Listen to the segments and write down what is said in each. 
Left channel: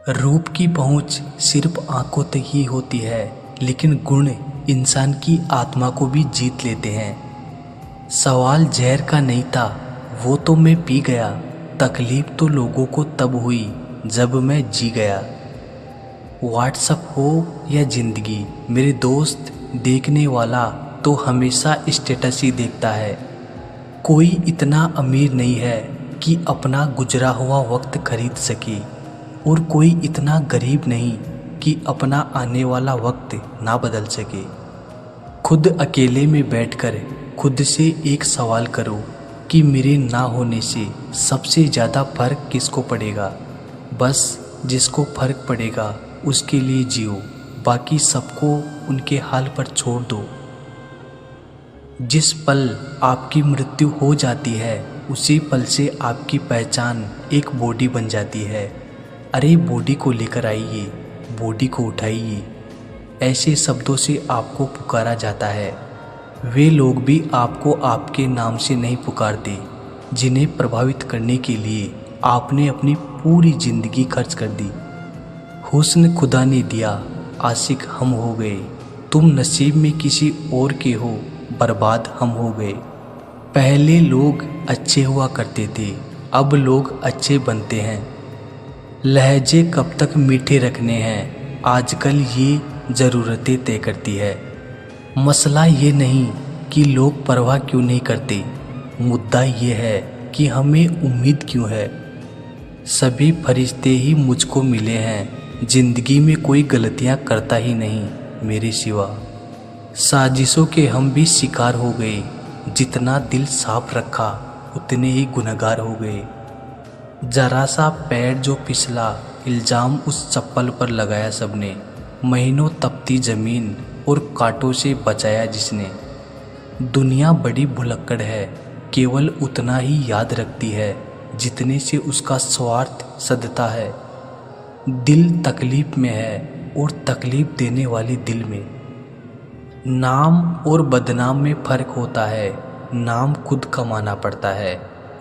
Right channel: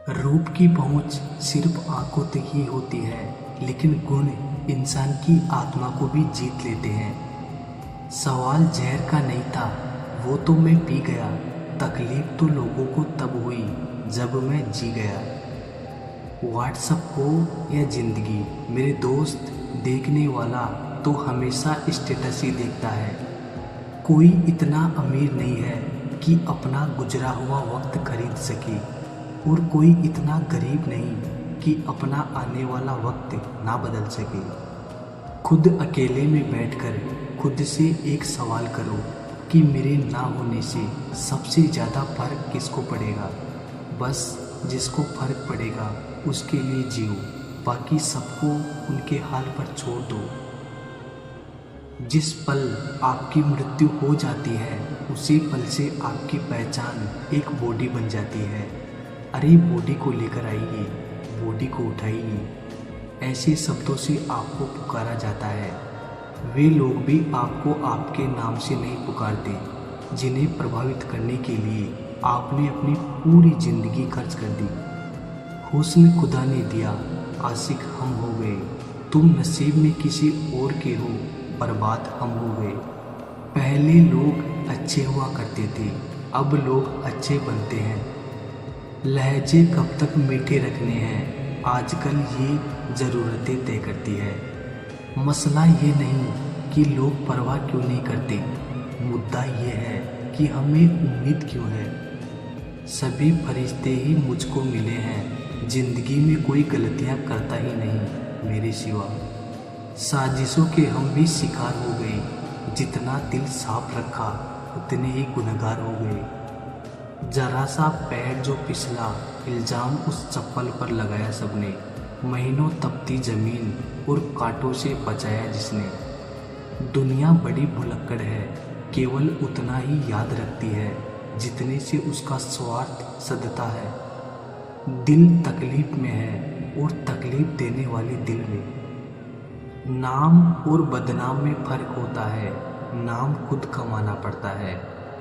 रूप की पहुंच सिर्फ आंखों तक ही होती है, लेकिन गुण इंसान की आत्मा को भी जीत लेते हैं। सवाल जहर का नहीं था, वो तो मैं पी गया। तकलीफ तो लोगों को तब हुई जब मैं जी गया। व्हाट्सअप हो या जिंदगी, मेरे दोस्त, देखने वाला तो हमेशा स्टेटस ही देखता है। कोई इतना अमीर नहीं है कि अपना गुजरा हुआ वक्त खरीद सके, और कोई इतना गरीब नहीं कि अपना आने वाला वक्त ना बदल सके। खुद अकेले में बैठकर खुद से एक सवाल करो कि मेरे ना होने से सबसे ज़्यादा फर्क किसको पड़ेगा। बस जिसको फर्क पड़ेगा उसके लिए जियो, बाकी सबको उनके हाल पर छोड़ दो। जिस पल आपकी मृत्यु हो जाती है, उसी पल से आपकी पहचान एक बॉडी बन जाती है। अरे बॉडी को लेकर आइए, बॉडी को उठाइए, ऐसे शब्दों से आपको पुकारा जाता है। वे लोग भी आपको आपके नाम से नहीं पुकारते जिन्हें प्रभावित करने के लिए आपने अपनी पूरी जिंदगी खर्च कर दी। हुस्न खुदा ने दिया, आशिक हम हो गए। तुम नसीब में किसी और के हो, बर्बाद हम हो गए। पहले लोग अच्छे हुआ करते थे, अब लोग अच्छे बनते हैं। लहजे कब तक मीठे रखने हैं, आजकल ये ज़रूरतें तय करती है। मसला ये नहीं कि लोग परवाह क्यों नहीं करते, मुद्दा ये है कि हमें उम्मीद क्यों है। सभी फरिश्ते ही मुझको मिले हैं, जिंदगी में कोई गलतियां करता ही नहीं मेरे सिवा। साजिशों के हम भी शिकार हो गए, जितना दिल साफ रखा उतने ही गुनहगार हो गए। जरा सा पैर जो फिसला, इल्ज़ाम उस चप्पल पर लगाया सबने। महीनों तपती ज़मीन और कांटों से बचाया जिसने। दुनिया बड़ी भुलक्कड़ है, केवल उतना ही याद रखती है जितने से उसका स्वार्थ सधता है। दिल तकलीफ में है और तकलीफ देने वाली दिल में। नाम और बदनाम में फ़र्क होता है। नाम खुद कमाना पड़ता है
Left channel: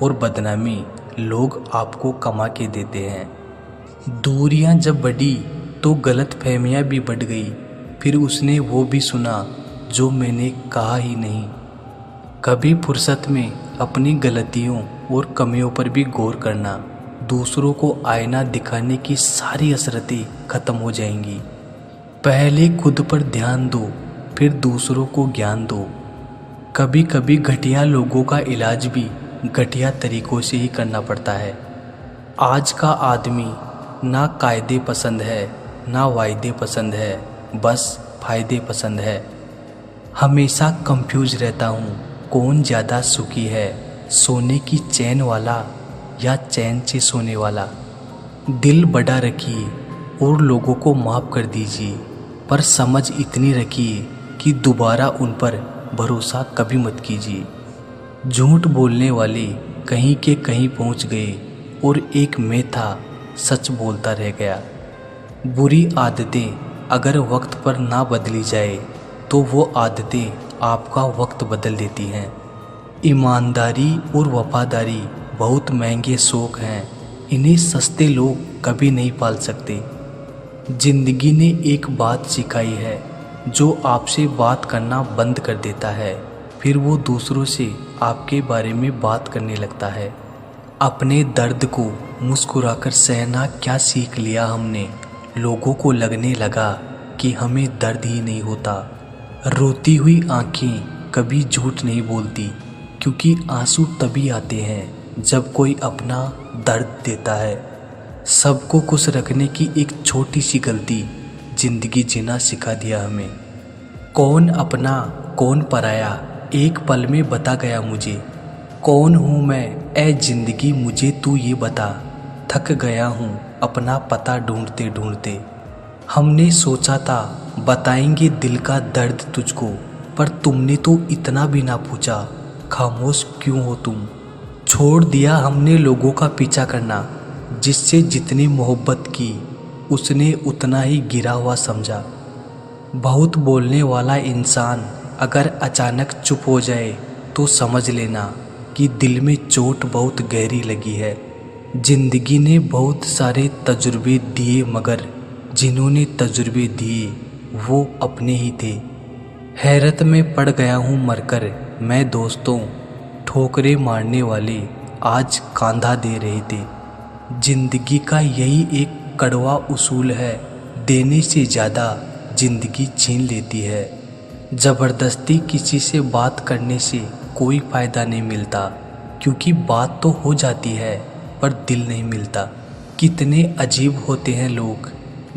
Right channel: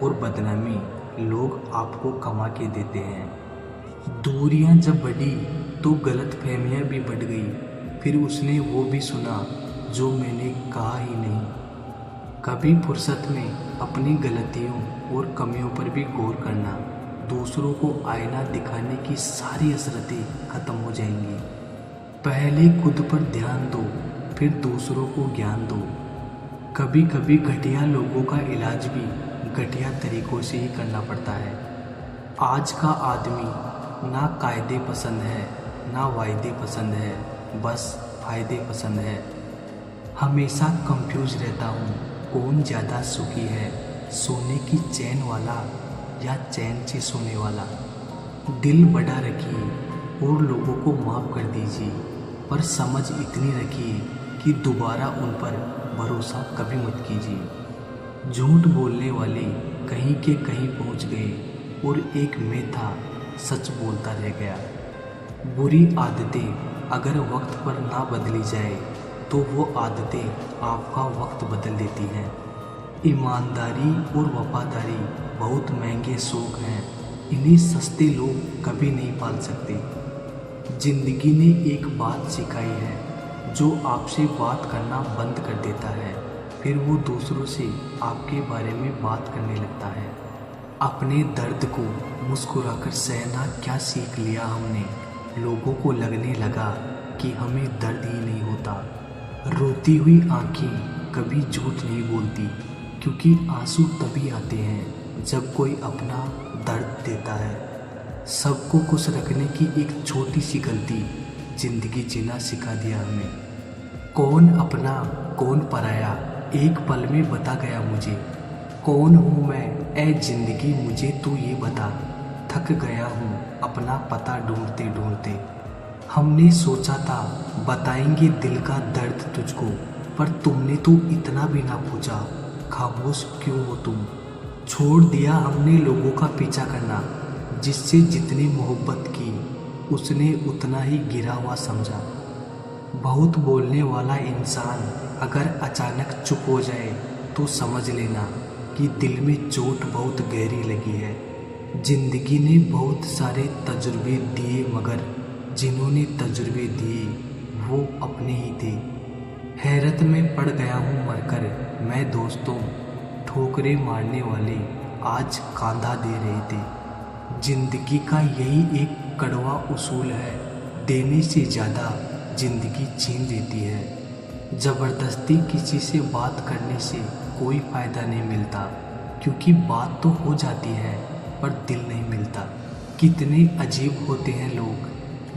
और बदनामी लोग आपको कमा के देते हैं। दूरियां जब बढ़ी तो गलतफहमियां भी बढ़ गई। फिर उसने वो भी सुना जो मैंने कहा ही नहीं। कभी फुर्सत में अपनी गलतियों और कमियों पर भी गौर करना, दूसरों को आईना दिखाने की सारी हसरतें खत्म हो जाएंगी। पहले खुद पर ध्यान दो, फिर दूसरों को ज्ञान दो। कभी कभी घटिया लोगों का इलाज भी घटिया तरीकों से ही करना पड़ता है। आज का आदमी ना कायदे पसंद है, ना वायदे पसंद है, बस फायदे पसंद है। हमेशा कंफ्यूज रहता हूँ, कौन ज़्यादा सुखी है, सोने की चैन वाला या चैन से सोने वाला। दिल बड़ा रखिए और लोगों को माफ़ कर दीजिए, पर समझ इतनी रखिए कि दोबारा उन पर भरोसा कभी मत कीजिए। झूठ बोलने वाले कहीं के कहीं पहुंच गए और एक मैं था, सच बोलता रह गया। बुरी आदतें अगर वक्त पर ना बदली जाए तो वो आदतें आपका वक्त बदल देती हैं। ईमानदारी और वफादारी बहुत महंगे शौक हैं, इन्हें सस्ते लोग कभी नहीं पाल सकते। जिंदगी ने एक बात सिखाई है, जो आपसे बात करना बंद कर देता है, फिर वो दूसरों से आपके बारे में बात करने लगता है। अपने दर्द को मुस्कुराकर सहना क्या सीख लिया हमने। लोगों को लगने लगा कि हमें दर्द ही नहीं होता। रोती हुई आंखें कभी झूठ नहीं बोलती, क्योंकि आंसू तभी आते हैं जब कोई अपना दर्द देता है। सबको खुश रखने की एक छोटी सी गलती जिंदगी जीना सिखा दिया हमें। कौन अपना कौन पराया, एक पल में बता गया मुझे। कौन हूँ मैं ए जिंदगी, मुझे तू ये बता। थक गया हूँ अपना पता ढूंढते ढूंढते। हमने सोचा था बताएंगे दिल का दर्द तुझको, पर तुमने तो इतना भी ना पूछा, खामोश क्यों हो तुम। छोड़ दिया हमने लोगों का पीछा करना, जिससे जितनी मोहब्बत की उसने उतना ही गिरा हुआ समझा। बहुत बोलने वाला इंसान अगर अचानक चुप हो जाए तो समझ लेना कि दिल में चोट बहुत गहरी लगी है। जिंदगी ने बहुत सारे तजुर्बे दिए मगर जिन्होंने तजुर्बे दिए वो अपने ही थे। हैरत में पड़ गया हूँ मरकर मैं दोस्तों, ठोकरे मारने वाले आज कांधा दे रहे थे। जिंदगी का यही एक कड़वा उसूल है, देने से ज़्यादा जिंदगी छीन लेती है। ज़बरदस्ती किसी से बात करने से कोई फ़ायदा नहीं मिलता, क्योंकि बात तो हो जाती है पर दिल नहीं मिलता। कितने अजीब होते हैं लोग,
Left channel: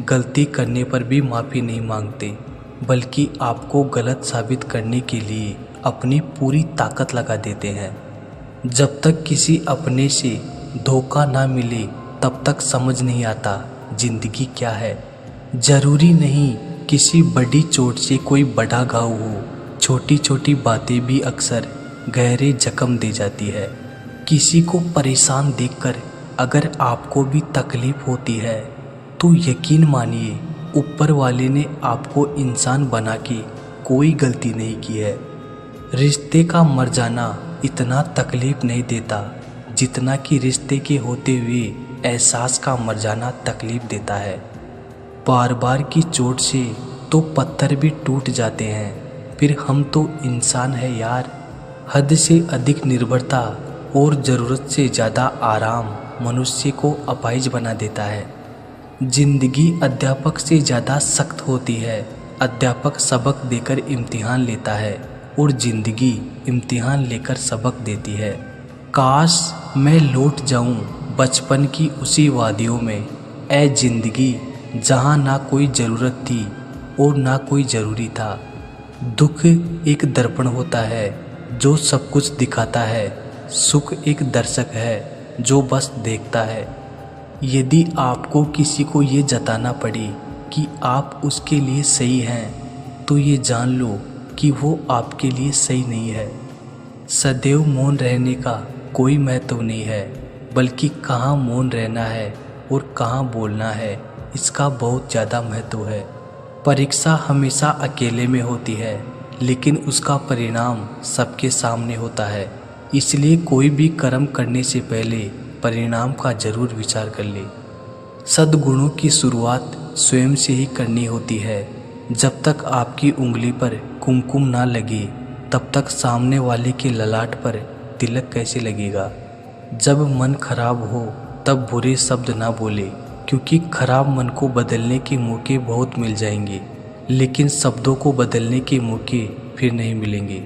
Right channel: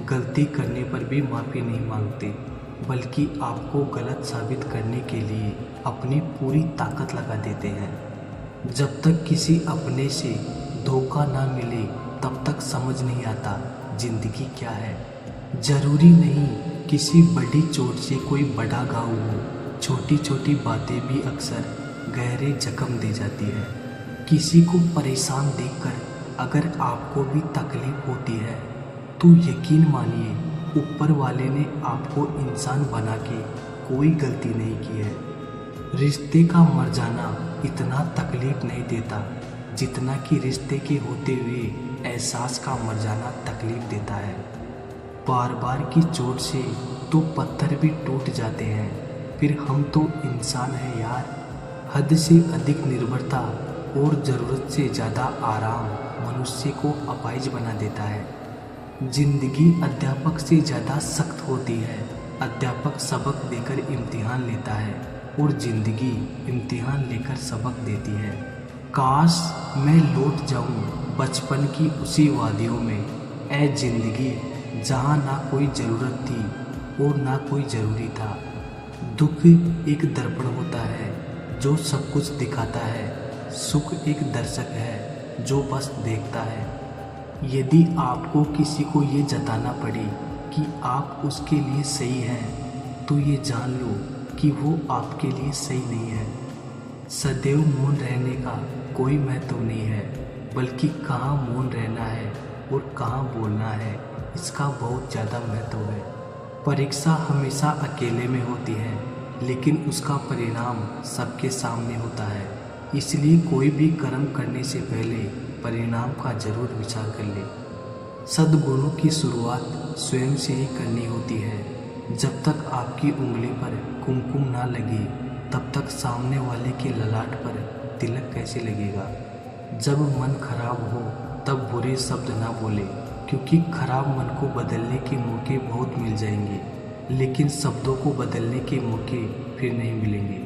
गलती करने पर भी माफ़ी नहीं मांगते, बल्कि आपको गलत साबित करने के लिए अपनी पूरी ताकत लगा देते हैं। जब तक किसी अपने से धोखा ना मिले तब तक समझ नहीं आता जिंदगी क्या है। ज़रूरी नहीं किसी बड़ी चोट से कोई बड़ा घाव हो, छोटी छोटी बातें भी अक्सर गहरे जख्म दे जाती है। किसी को परेशान देखकर अगर आपको भी तकलीफ होती है तो यकीन मानिए ऊपर वाले ने आपको इंसान बना के कोई गलती नहीं की है। रिश्ते का मर जाना इतना तकलीफ नहीं देता जितना कि रिश्ते के होते हुए एहसास का मर जाना तकलीफ देता है। बार बार की चोट से तो पत्थर भी टूट जाते हैं, फिर हम तो इंसान है यार। हद से अधिक निर्भरता और ज़रूरत से ज़्यादा आराम मनुष्य को अपाहिज बना देता है। जिंदगी अध्यापक से ज़्यादा सख्त होती है। अध्यापक सबक देकर इम्तिहान लेता है और ज़िंदगी इम्तिहान लेकर सबक देती है। काश मैं लौट जाऊं बचपन की उसी वादियों में, ऐ ज़िंदगी जहां ना कोई ज़रूरत थी और ना कोई ज़रूरी था। दुख एक दर्पण होता है जो सब कुछ दिखाता है, सुख एक दर्शक है जो बस देखता है। यदि आपको किसी को ये जताना पड़े कि आप उसके लिए सही हैं, तो ये जान लो कि वो आपके लिए सही नहीं है। सदैव मौन रहने का कोई महत्व नहीं है, बल्कि कहाँ मौन रहना है और कहाँ बोलना है, इसका बहुत ज़्यादा महत्व है। परीक्षा हमेशा अकेले में होती है, लेकिन उसका परिणाम सबके सामने होता है। इसलिए कोई भी कर्म करने से पहले परिणाम का जरूर विचार कर ले। सद्गुणों की शुरुआत स्वयं से ही करनी होती है। जब तक आपकी उंगली पर कुमकुम ना लगे तब तक सामने वाले के ललाट पर तिलक कैसे लगेगा। जब मन खराब हो तब बुरे शब्द ना बोले, क्योंकि खराब मन को बदलने के मौके बहुत मिल जाएंगे, लेकिन शब्दों को बदलने के मौके फिर नहीं मिलेंगे।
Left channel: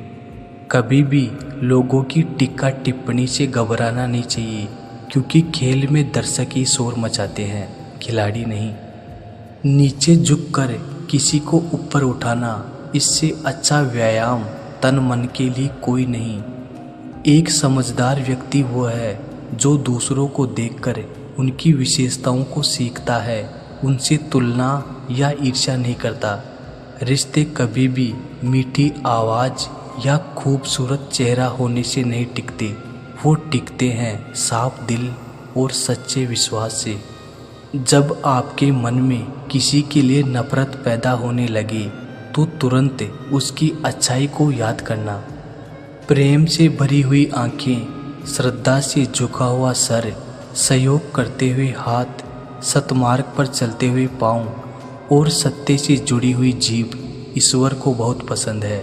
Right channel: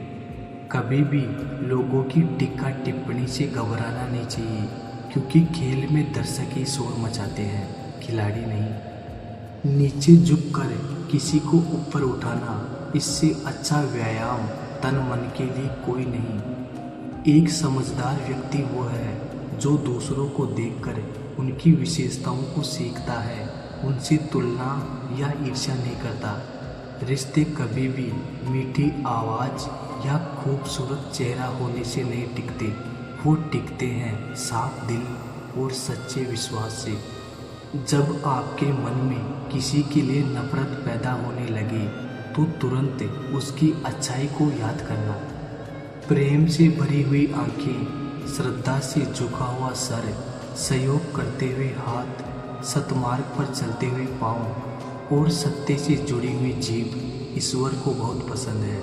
कभी भी लोगों की टीका टिप्पणी से घबराना नहीं चाहिए, क्योंकि खेल में दर्शक ही शोर मचाते हैं, खिलाड़ी नहीं। नीचे झुककर किसी को ऊपर उठाना, इससे अच्छा व्यायाम तन मन के लिए कोई नहीं। एक समझदार व्यक्ति वो है जो दूसरों को देखकर उनकी विशेषताओं को सीखता है, उनसे तुलना या ईर्ष्या नहीं करता। रिश्ते कभी भी मीठी आवाज़ या खूबसूरत चेहरा होने से नहीं टिकते, वो टिकते हैं साफ दिल और सच्चे विश्वास से। जब आपके मन में किसी के लिए नफरत पैदा होने लगे तो तुरंत उसकी अच्छाई को याद करना। प्रेम से भरी हुई आंखें, श्रद्धा से झुका हुआ सर, सहयोग करते हुए हाथ, सतमार्ग पर चलते हुए पाँव और सत्य से जुड़ी हुई जीभ ईश्वर को बहुत पसंद है।